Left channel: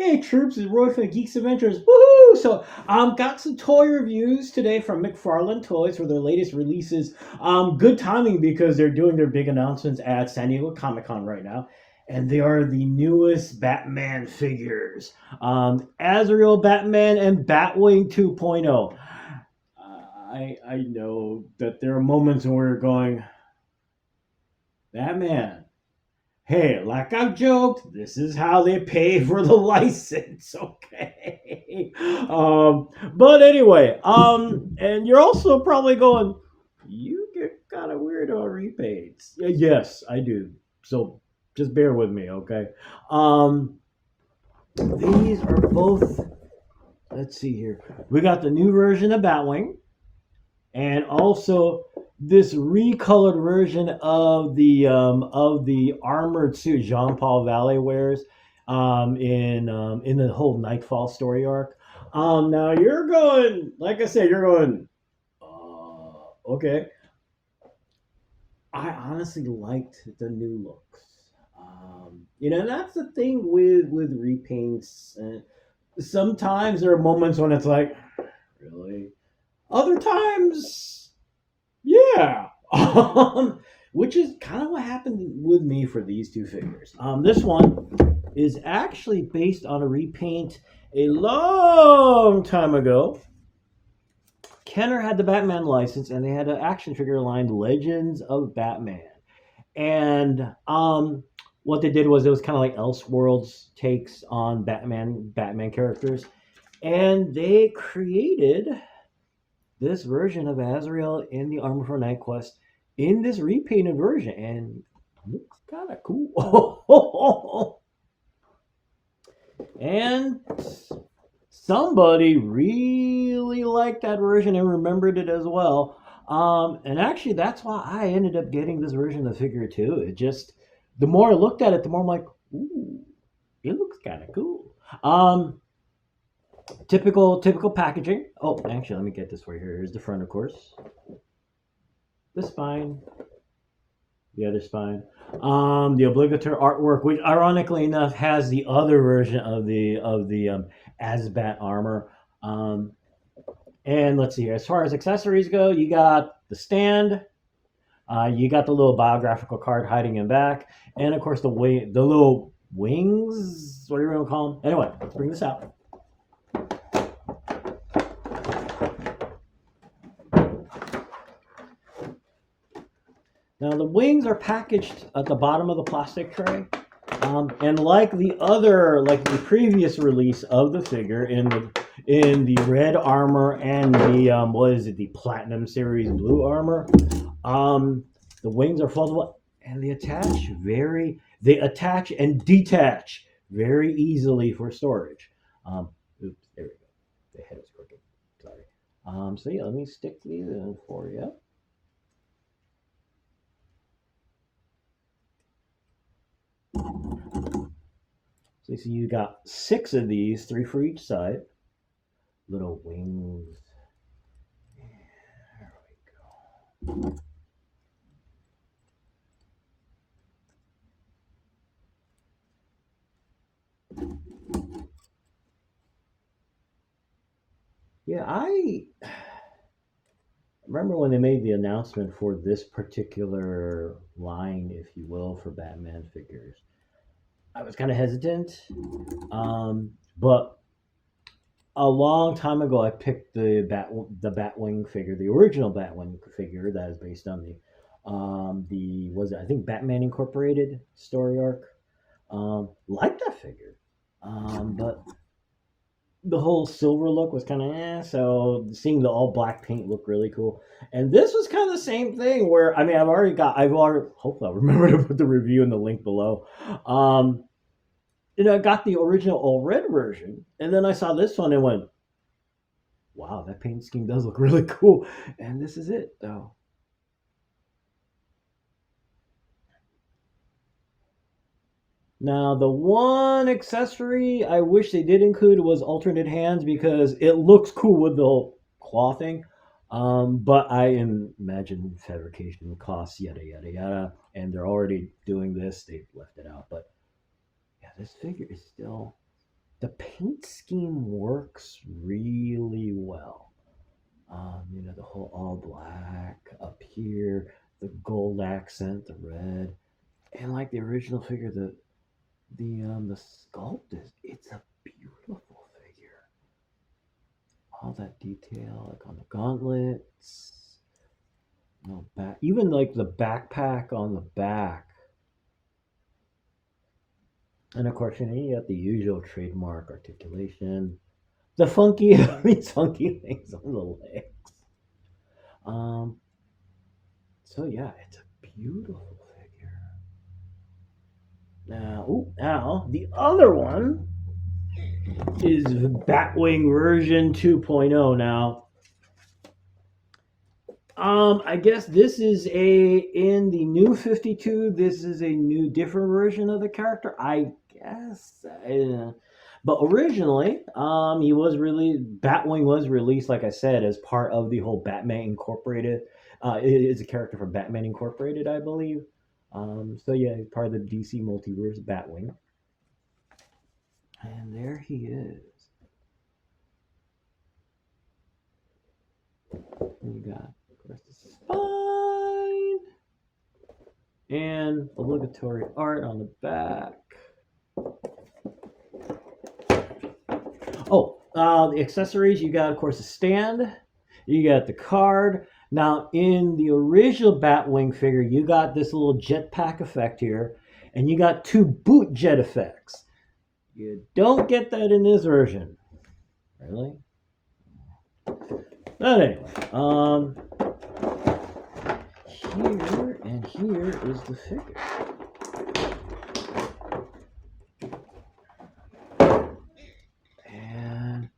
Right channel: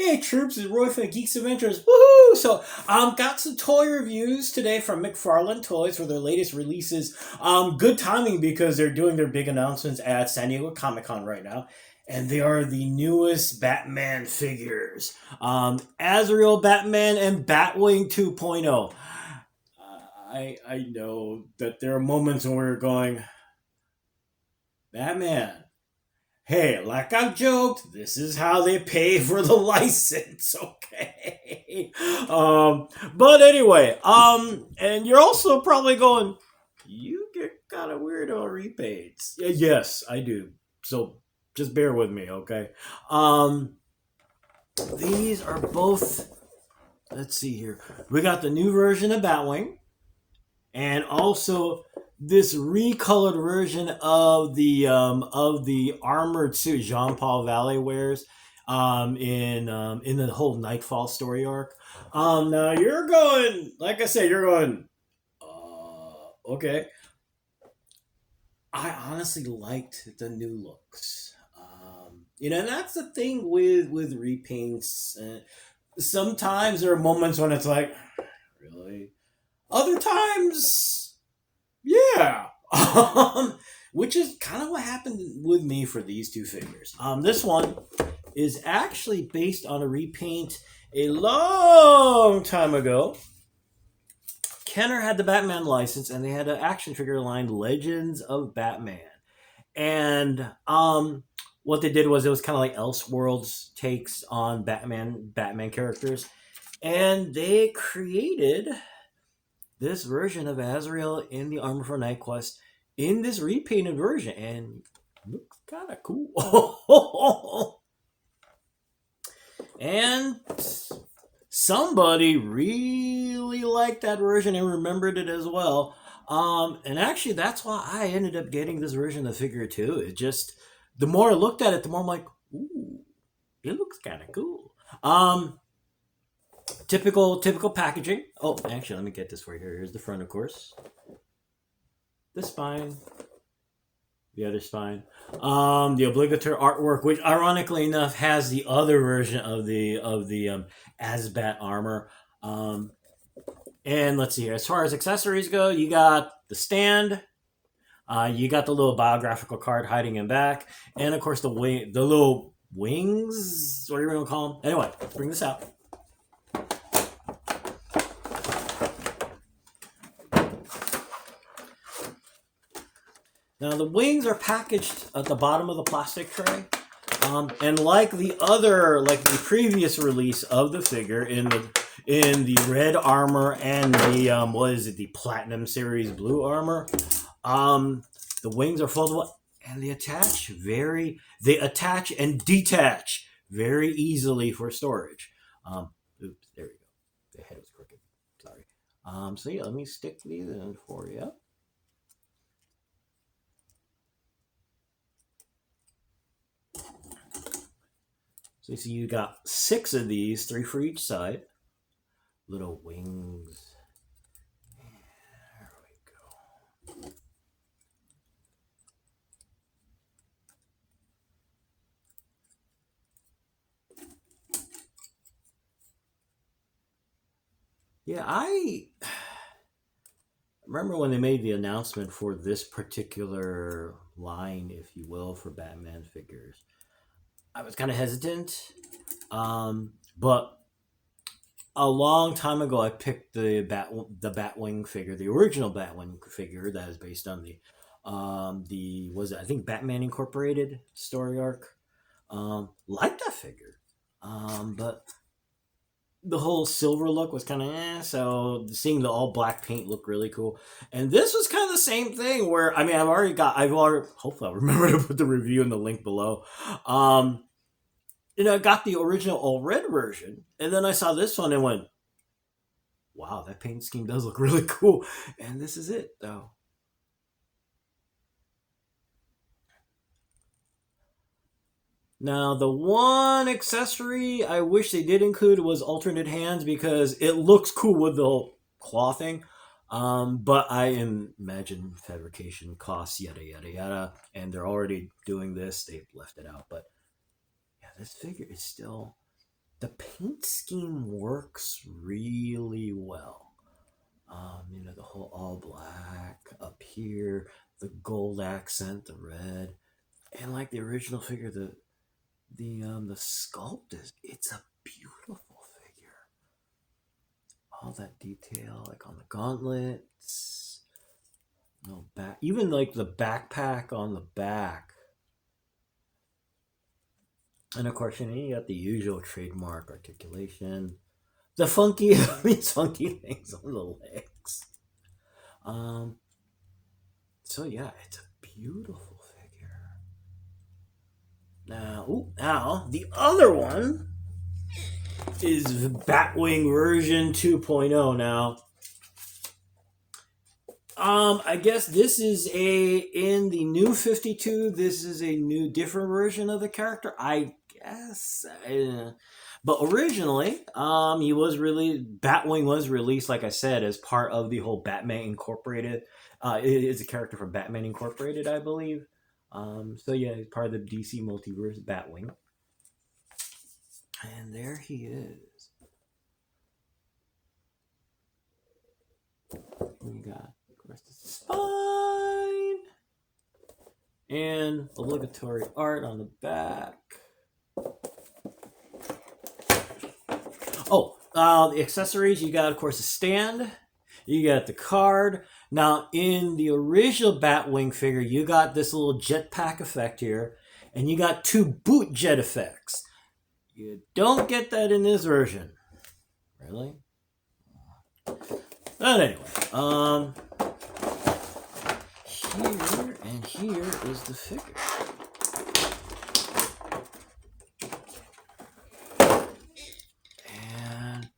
Hey troops, it's Roy from the Geeks Adventures. Woohoo! So, got some toy reviews today from McFarlane Toys for their latest releases. Good timing because they're doing their big announcements at San Diego Comic Con right now, and they are the newest Batman figures. Azrael Batman and Batwing 2.0. I know that there are moments when we're going, Batman. Hey, like I've joked, this is how they pay for the license, okay? But anyway, and you're also probably going, you get kind of weird on repaints. Yes, I do. So just bear with me, okay? Um, these are both. Let's see here. We got the new version of Batwing, and also this recolored version of the armored suit Jean Paul Valley wears in the whole Nightfall story arc. Now you're going, like I said, you're going. Okay. I honestly liked the new looks. And that's the thing with repaints. Sometimes there are moments when it's like, really. Other times, yeah. Which is kind of what happened with me for these two figures. This one is actually based on a repaint a long time ago. Kenner had the Batman license, and they had an action figure line, Legends of Batman. And what they did was it was kind of like Elseworlds takes on Batman characters, and they created this version of Azrael in the Armor for Night Quest in this repainted version, and it looks kind of cool. And somebody really liked that version and remembered it as well. And actually, that's why I ended up getting this version of the figure too. It just, the more I looked at it, the more I'm like, ooh, it looks kind of cool. Typical packaging. Oh, actually, let me get this for you. Here's the front, of course. The spine. The other spine. The obligatory artwork, which ironically enough has the other version of the Asbat armor. And let's see here. As far as accessories go, you got the stand. You got the little biographical card hiding in back, and of course the little wings. What are you gonna call them? Anyway, bring this out. Now the wings are packaged at the bottom of the plastic tray, and like the previous release of the figure in the red armor and the Platinum Series blue armor, the wings are foldable and they attach and detach very easily for storage. Oops, there we go. The head is crooked. Sorry. So yeah, let me stick these in for you. So you see you got 6 of these, 3 for each side. Little wings. There we go. Yeah, I remember when they made the announcement for this particular line, if you will, for Batman figures. I was kind of hesitant, but a long time ago, I picked the Batwing figure, the original Batwing figure that is based on I think Batman Incorporated story arc. Like that figure, but the whole silver look was kind of so seeing the all black paint looked really cool. And this was kind of the same thing where, I mean, hopefully I'll remember to put the review in the link below. I got the original all red version, and then I saw this one and went, wow, that paint scheme does look really cool. And this is it, though. Now, the one accessory I wish they did include was alternate hands because it looks cool with the whole claw thing. But I imagine fabrication costs, yada, yada, yada. And they're already doing this. They've left it out. But yeah, this figure is still the paint scheme works really well. The whole all black up here, the gold accent, the red, and like the original figure, the sculpt is it's a beautiful figure. All that detail, like on the gauntlets, no back, even like the backpack on the back. And of course, you got the usual trademark articulation, the funky, these funky things on the legs. Um, so yeah, it's a beautiful figure. Now the other one is Batwing version 2.0. Now, I guess this is in the new 52. This is a new, different version of the character. I guess, but originally, he was really Batwing was released, like I said, as part of the whole Batman Incorporated. It is a character from Batman Incorporated, I believe. So yeah, he's part of the DC multiverse, Batwing. And there he is. You got, of course, the spine and obligatory art on the back. The accessories, you got, of course, a stand. You got the card. Now, in the original Batwing figure, you got this little jetpack effect here, and you got 2 boot jet effects. You don't get that in this version. Really? But anyway, here is the figure. And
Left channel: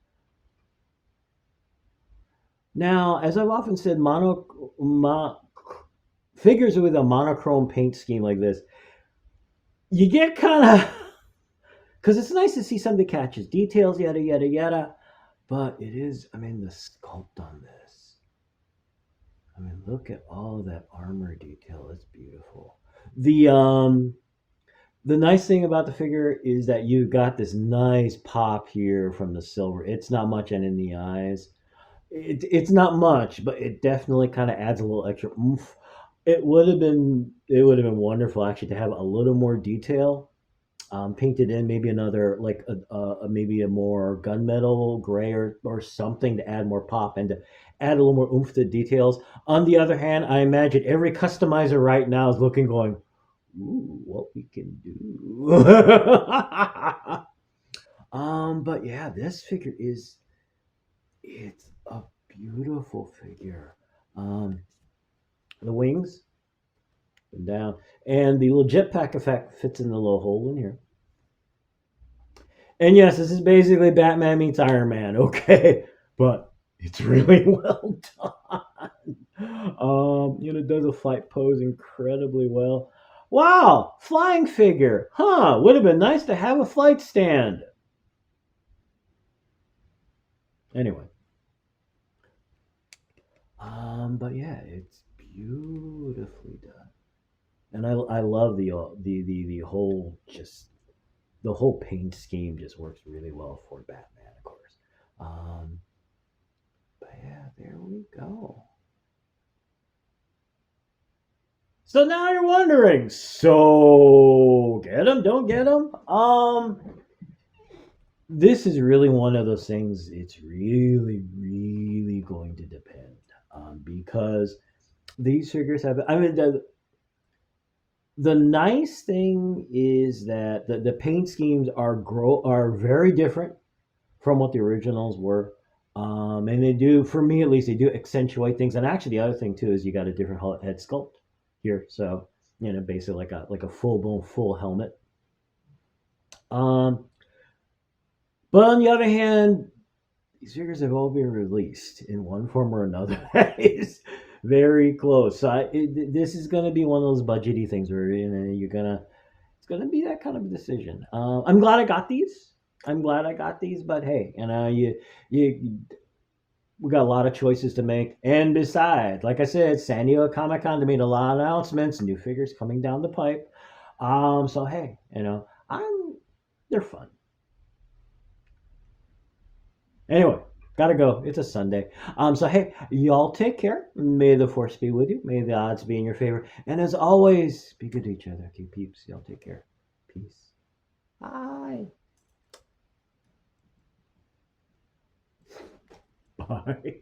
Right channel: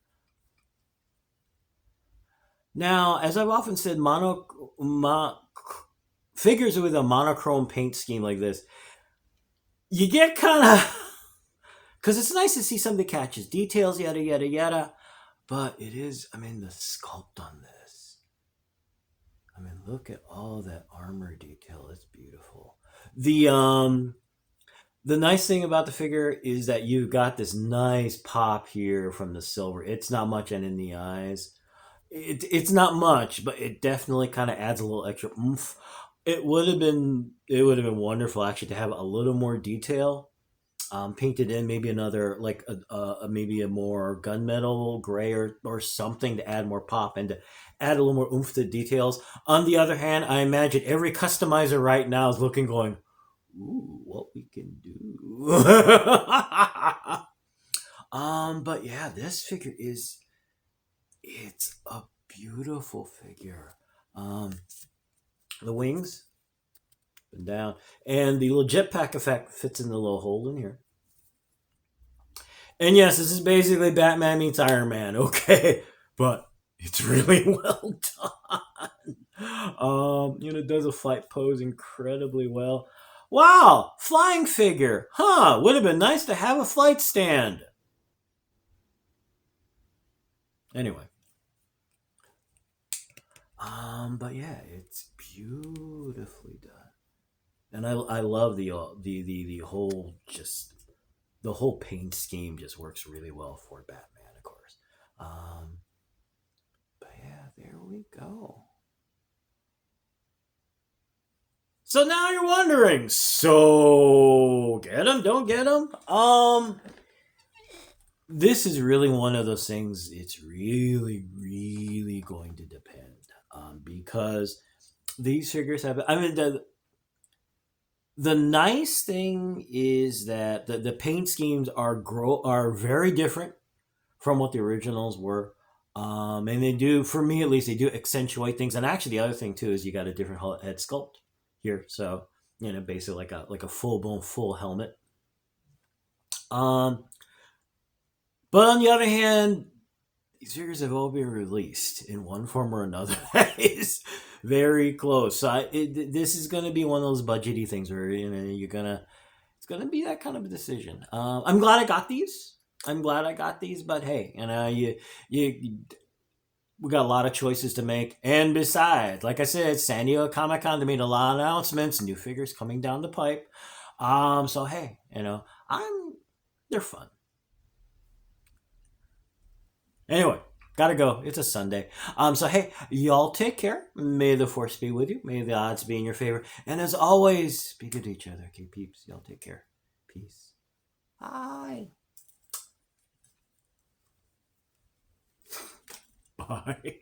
now, as I've often said, figures with a monochrome paint scheme like this, you get kind of, because it's nice to see something that catches details, yada yada yada. But it is, the sculpt on this. Look at all that armor detail. It's beautiful. The nice thing about the figure is that you got this nice pop here from the silver. It's not much and in the eyes. It's not much, but it definitely kind of adds a little extra oomph. It would have been wonderful actually to have a little more detail. Painted in maybe another, like maybe a more gunmetal gray or something to add more pop and to add a little more oomph to the details. On the other hand, I imagine every customizer right now is looking, going, ooh, what we can do. But yeah, this figure it's a beautiful figure. The wings and down, and the little jetpack effect fits in the little hole in here. And yes, this is basically Batman meets Iron Man, okay? But it's really well done. It does a flight pose incredibly well. Wow, flying figure. Would have been nice to have a flight stand. Anyway. But yeah, it's beautifully done. And I love the whole, just the whole paint scheme just works really well for Batman, of course. But yeah, there we go. So now you're wondering, so get him, don't get him? This is really one of those things, it's really, really going to depend. Because these figures have, the nice thing is that the paint schemes are very different from what the originals were. And they do, for me at least, they do accentuate things. And actually, the other thing too is you got a different head sculpt here, so basically like a full helmet. But on the other hand, these figures have all been released in one form or another. That is very close. So this is going to be one of those budgety things where it's going to be that kind of a decision. I'm glad I got these. But hey, we got a lot of choices to make. And besides, like I said, San Diego Comic-Con, they made a lot of announcements, new figures coming down the pipe. So hey, they're fun. Anyway, gotta go. It's a Sunday. So hey, y'all take care. May the force be with you. May the odds be in your favor. And as always, be good to each other. Okay, peeps. Y'all take care. Peace. Bye. Bye.